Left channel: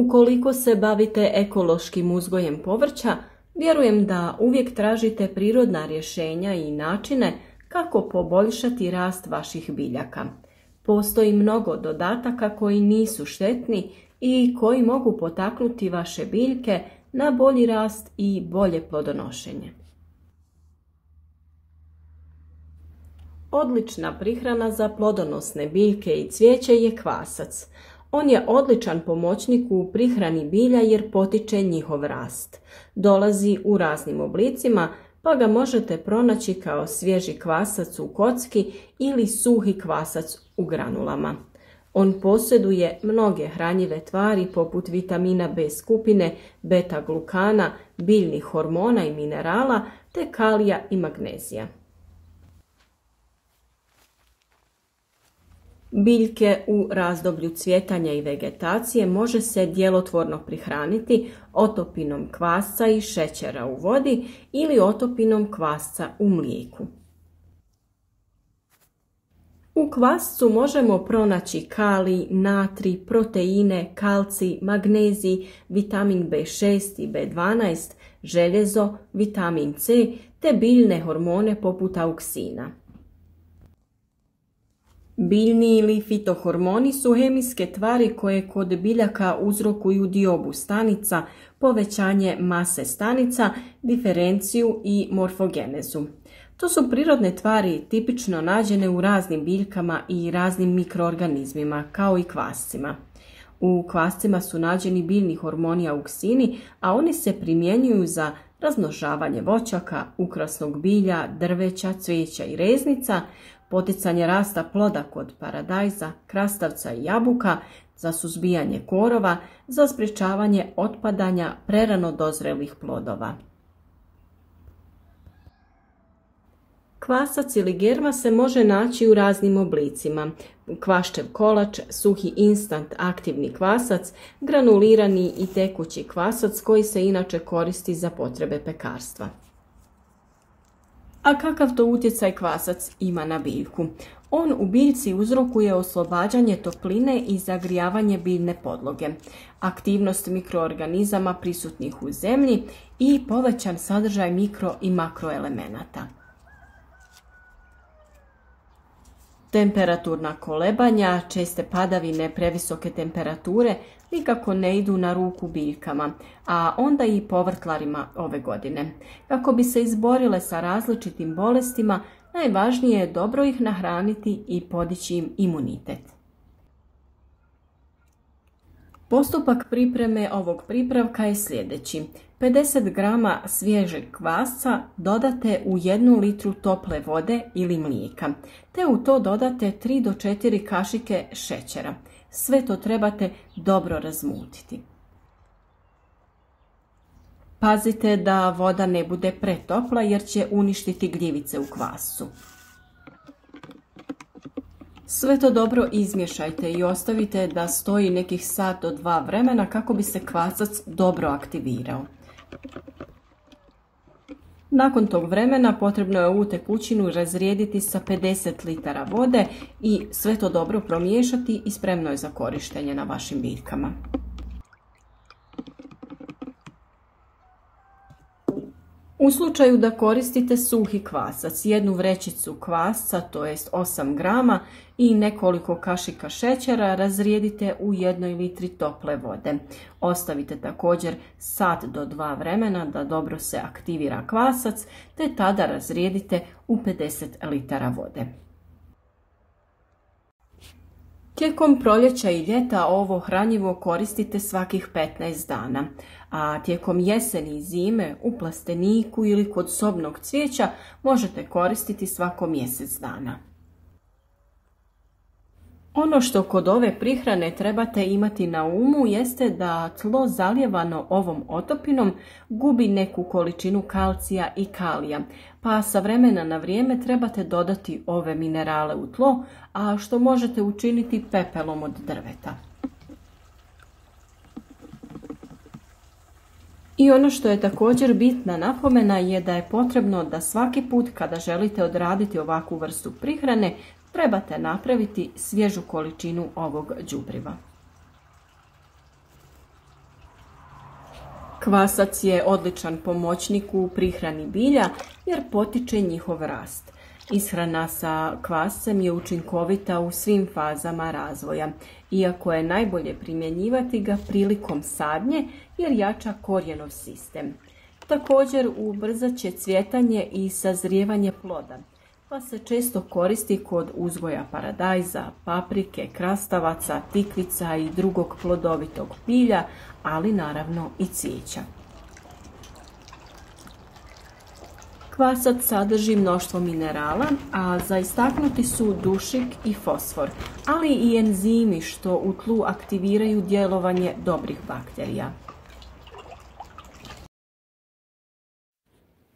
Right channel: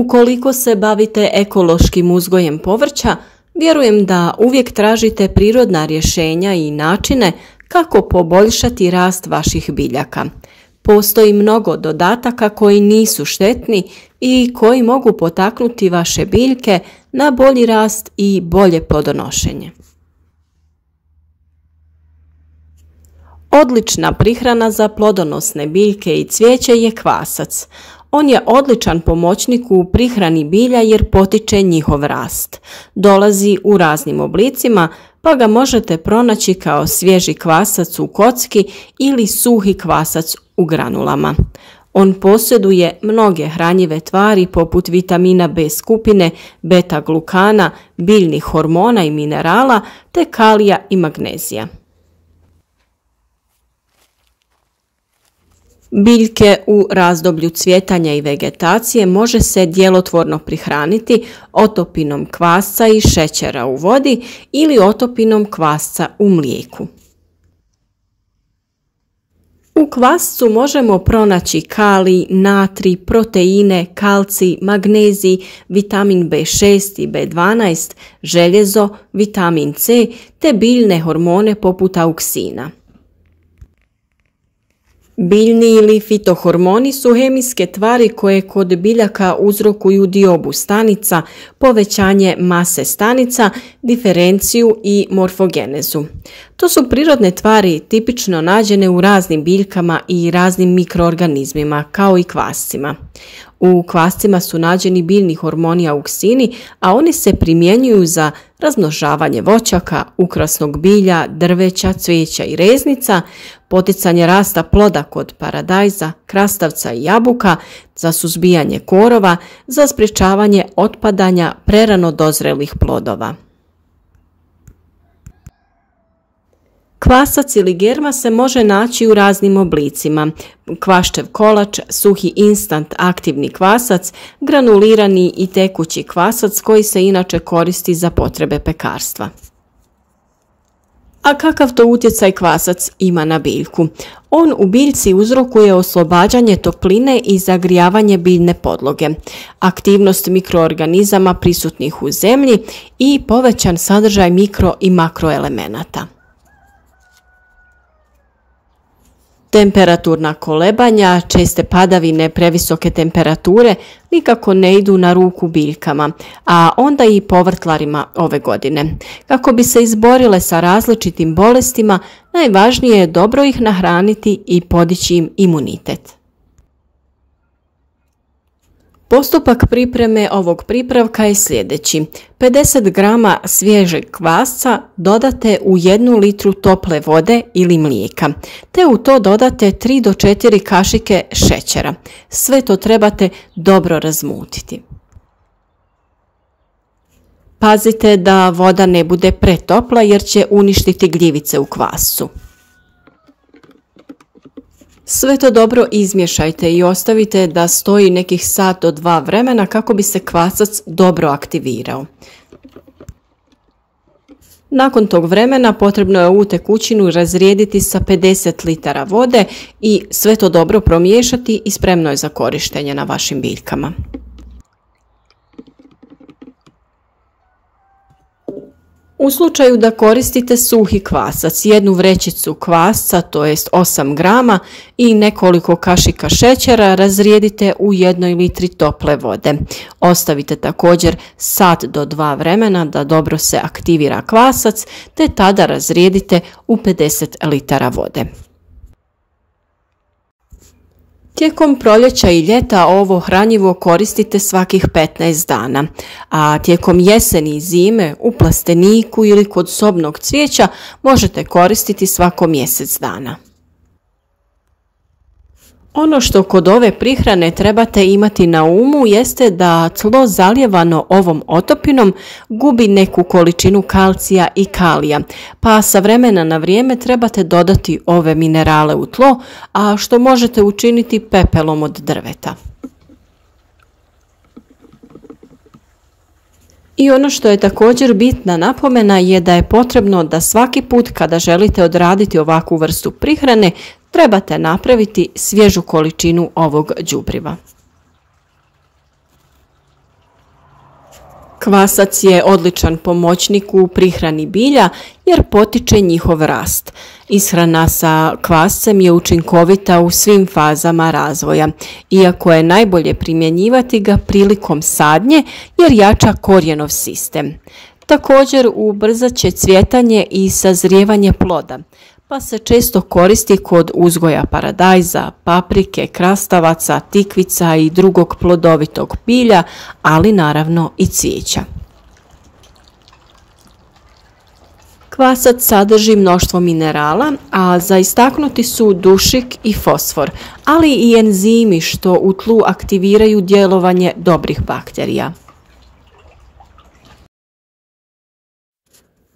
Ukoliko se bavite ekološkim uzgojem povrća, vjerujem da uvijek tražite prirodna rješenja i načine kako poboljšati rast vaših biljaka. Postoji mnogo dodataka koji nisu štetni i koji mogu potaknuti vaše biljke na bolji rast i bolje plodonošenje. Odlična prihrana za plodonosne biljke i cvijeće je kvasac. On je odličan pomoćnik u prihrani bilja jer potiče njihov rast. Dolazi u raznim oblicima, pa ga možete pronaći kao svježi kvasac u kocki ili suhi kvasac u granulama. On posjeduje mnoge hranjive tvari poput vitamina B skupine, beta-glukana, biljnih hormona i minerala te kalija i magnezija. Biljke u razdoblju cvjetanja i vegetacije može se djelotvorno prihraniti otopinom kvasca i šećera u vodi ili otopinom kvasca u mlijeku. U kvascu možemo pronaći kalij, natrij, proteine, kalcij, magnezij, vitamin B6 i B12, željezo, vitamin C te biljne hormone poput auksina. Biljni ili fitohormoni su hemijske tvari koje kod biljaka uzrokuju diobu stanica, povećanje mase stanica, diferenciju i morfogenezu. To su prirodne tvari tipično nađene u raznim biljkama i raznim mikroorganizmima, kao i kvascima. U kvascima su nađeni biljni hormoni auksini, a oni se primjenjuju za razmnožavanje voćaka, ukrasnog bilja, drveća, cvijeća i reznica, poticanje rasta ploda kod paradajza, krastavca i jabuka, za suzbijanje korova, za sprječavanje otpadanja prerano dozrelih plodova. Kvasac ili germa se može naći u raznim oblicima. Kvaščev kolač, suhi instant aktivni kvasac, granulirani i tekući kvasac koji se inače koristi za potrebe pekarstva. A kakav to utjecaj kvasac ima na biljku? On u biljci uzrokuje oslobađanje topline i zagrijavanje biljne podloge, aktivnost mikroorganizama prisutnih u zemlji i povećan sadržaj mikro i makroelemenata. Temperaturna kolebanja, česte padavine, previsoke temperature nikako ne idu na ruku biljkama, a onda i povrtlarima ove godine. Kako bi se izborile sa različitim bolestima, najvažnije je dobro ih nahraniti i podići im imunitet. Postupak pripreme ovog pripravka je sljedeći. 50 grama svježeg kvasca dodate u 1 litru tople vode ili mlijeka, te u to dodate 3 do 4 kašike šećera. Sve to trebate dobro razmutiti. Pazite da voda ne bude pretopla jer će uništiti gljivice u kvascu. Sve to dobro izmiješajte i ostavite da stoji nekih sat do 2 vremena kako bi se kvasac dobro aktivirao. Nakon tog vremena potrebno je ovu tekućinu razrijediti sa 50 litara vode i sve to dobro promiješati i spremno je za korištenje na vašim biljkama. U slučaju da koristite suhi kvasac, 1 vrećicu kvasca, to jest 8 grama i nekoliko kašika šećera razrijedite u 1 litri tople vode. Ostavite također sat do 2 vremena da dobro se aktivira kvasac, te tada razrijedite u 50 litara vode. Tijekom proljeća i ljeta ovo hranjivo koristite svakih 15 dana, a tijekom jeseni i zime u plasteniku ili kod sobnog cvijeća možete koristiti svako mjesec dana. Ono što kod ove prihrane trebate imati na umu jeste da tlo zalijevano ovom otopinom gubi neku količinu kalcija i kalija, pa sa vremena na vrijeme trebate dodati ove minerale u tlo, a što možete učiniti pepelom od drveta. I ono što je također bitna napomena je da je potrebno da svaki put kada želite odraditi ovakvu vrstu prihrane, trebate napraviti svježu količinu ovog đubriva. Kvasac je odličan pomoćnik u prihrani bilja jer potiče njihov rast. Ishrana sa kvascem je učinkovita u svim fazama razvoja, iako je najbolje primjenjivati ga prilikom sadnje jer jača korijenov sistem. Također ubrzat će cvjetanje i sazrijevanje ploda, pa se često koristi kod uzgoja paradajza, paprike, krastavaca, tikvica i drugog plodovitog bilja, ali naravno i cvijeća. Kvasac sadrži mnoštvo minerala, a za istaknuti su dušik i fosfor, ali i enzimi što u tlu aktiviraju djelovanje dobrih bakterija.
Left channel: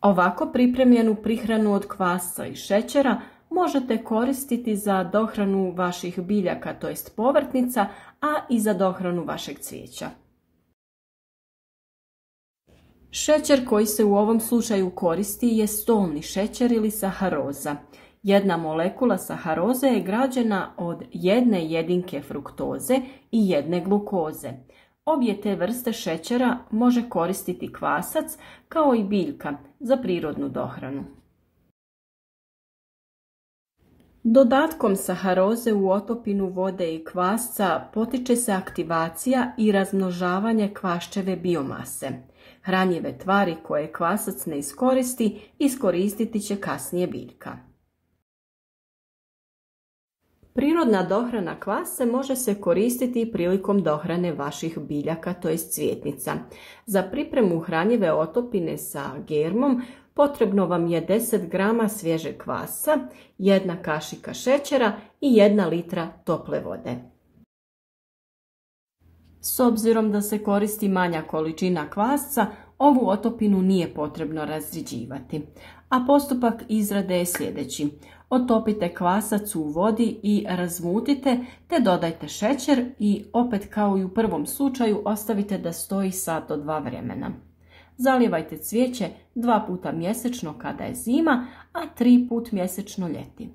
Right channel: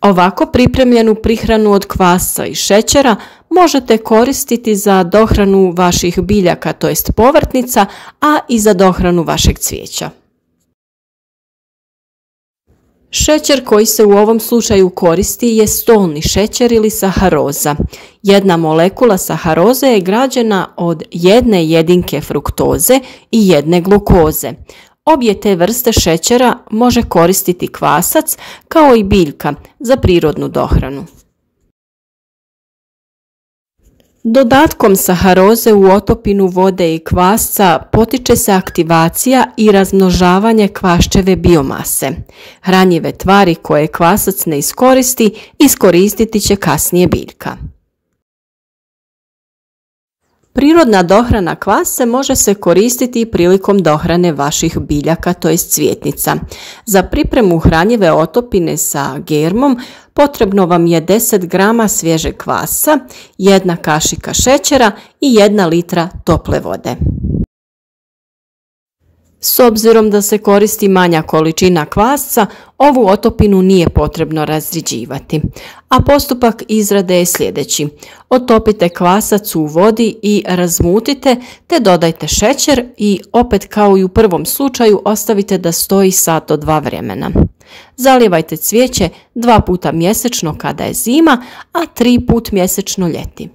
Ovako pripremljenu prihranu od kvasca i šećera možete koristiti za dohranu vaših biljaka, to jest povrtnica, a i za dohranu vašeg cvijeća. Šećer koji se u ovom slučaju koristi je stolni šećer ili saharoza. Jedna molekula saharoze je građena od jedne jedinke fruktoze i jedne glukoze. Obje te vrste šećera može koristiti kvasac kao i biljka za prirodnu dohranu. Dodatkom saharoze u otopinu vode i kvasca potiče se aktivacija i razmnožavanje kvaščeve biomase. Hranjive tvari koje kvasac ne iskoristi, iskoristiti će kasnije biljka. Prirodna dohrana kvasce može se koristiti prilikom dohrane vaših biljaka, to jest cvjetnica. Za pripremu hranjive otopine sa germom potrebno vam je 10 grama svježeg kvasca, 1 kašika šećera i 1 litra tople vode. S obzirom da se koristi manja količina kvasca, ovu otopinu nije potrebno razriđivati. A postupak izrade je sljedeći. Otopite kvasac u vodi i razmutite, te dodajte šećer i opet kao i u prvom slučaju ostavite da stoji sat do 2 vremena. Zalijevajte cvijeće 2 puta mjesečno kada je zima, a 3 put mjesečno ljeti.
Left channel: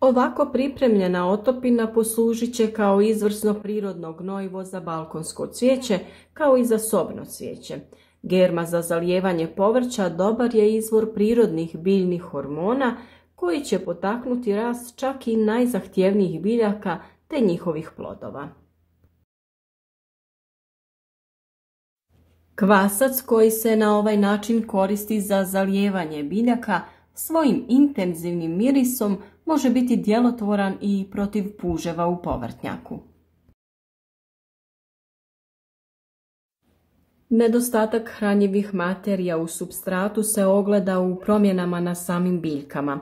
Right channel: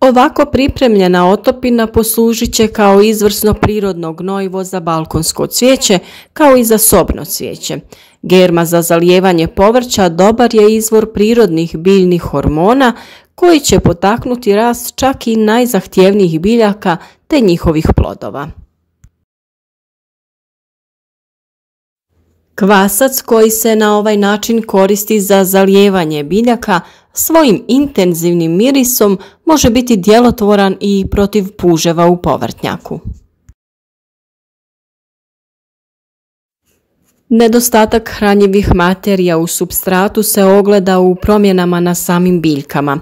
Ovako pripremljena otopina poslužit će kao izvrsno prirodno gnojivo za balkonsko cvijeće, kao i za sobno cvijeće. Germa za zalijevanje povrća dobar je izvor prirodnih biljnih hormona koji će potaknuti rast čak i najzahtjevnijih biljaka te njihovih plodova. Kvasac koji se na ovaj način koristi za zalijevanje biljaka svojim intenzivnim mirisom može biti djelotvoran i protiv puževa u povrtnjaku. Nedostatak hranjivih materija u supstratu se ogleda u promjenama na samim biljkama.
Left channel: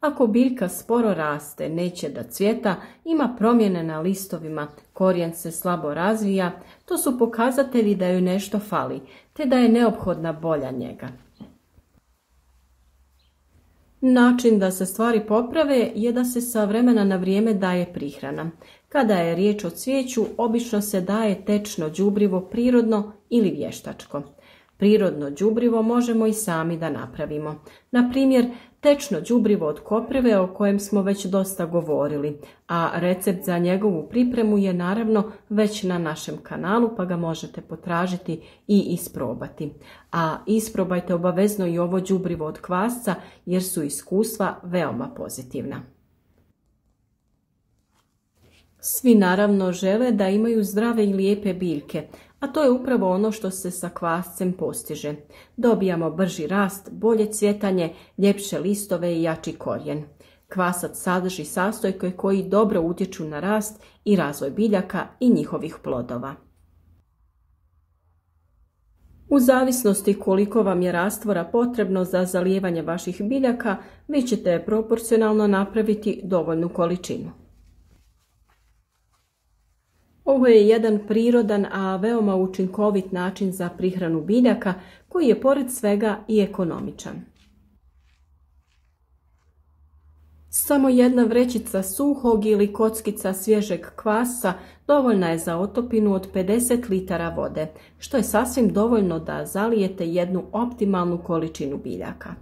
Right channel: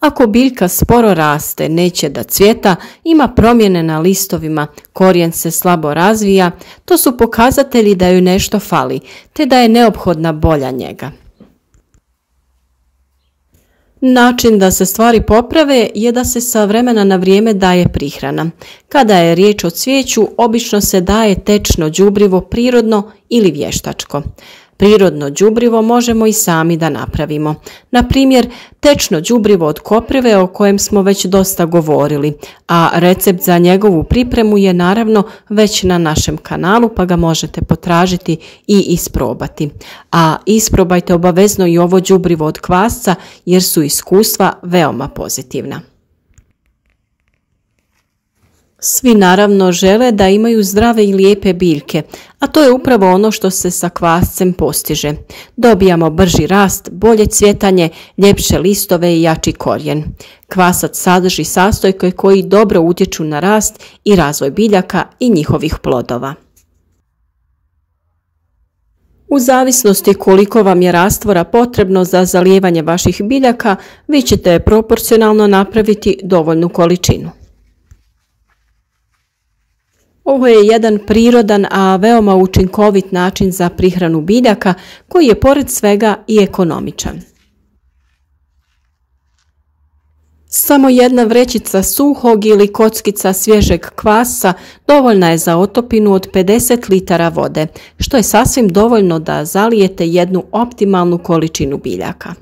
Ako biljka sporo raste, neće da cvjeta, ima promjene na listovima, korijen se slabo razvija, to su pokazatelji da joj nešto fali, te da je neophodna bolja njega. Način da se stvari poprave je da se sa vremena na vrijeme daje prihrana. Kada je riječ o cvijeću, obično se daje tečno đubrivo prirodno ili vještačko. Prirodno đubrivo možemo i sami da napravimo. Na primjer, tečno đubrivo od koprive o kojem smo već dosta govorili, a recept za njegovu pripremu je naravno već na našem kanalu pa ga možete potražiti i isprobati. A isprobajte obavezno i ovo đubrivo od kvasca jer su iskustva veoma pozitivna. Svi naravno žele da imaju zdrave i lijepe biljke, a to je upravo ono što se sa kvascem postiže. Dobijamo brži rast, bolje cvjetanje, ljepše listove i jači korijen. Kvasac sadrži sastojke koji dobro utječu na rast i razvoj biljaka i njihovih plodova. U zavisnosti koliko vam je rastvora potrebno za zalijevanje vaših biljaka, vi ćete proporcionalno napraviti dovoljnu količinu. Ovo je jedan prirodan, a veoma učinkovit način za prihranu biljaka koji je pored svega i ekonomičan. Samo jedna vrećica suhog ili kockica svježeg kvasa dovoljna je za otopinu od 50 litara vode, što je sasvim dovoljno da zalijete jednu optimalnu količinu biljaka.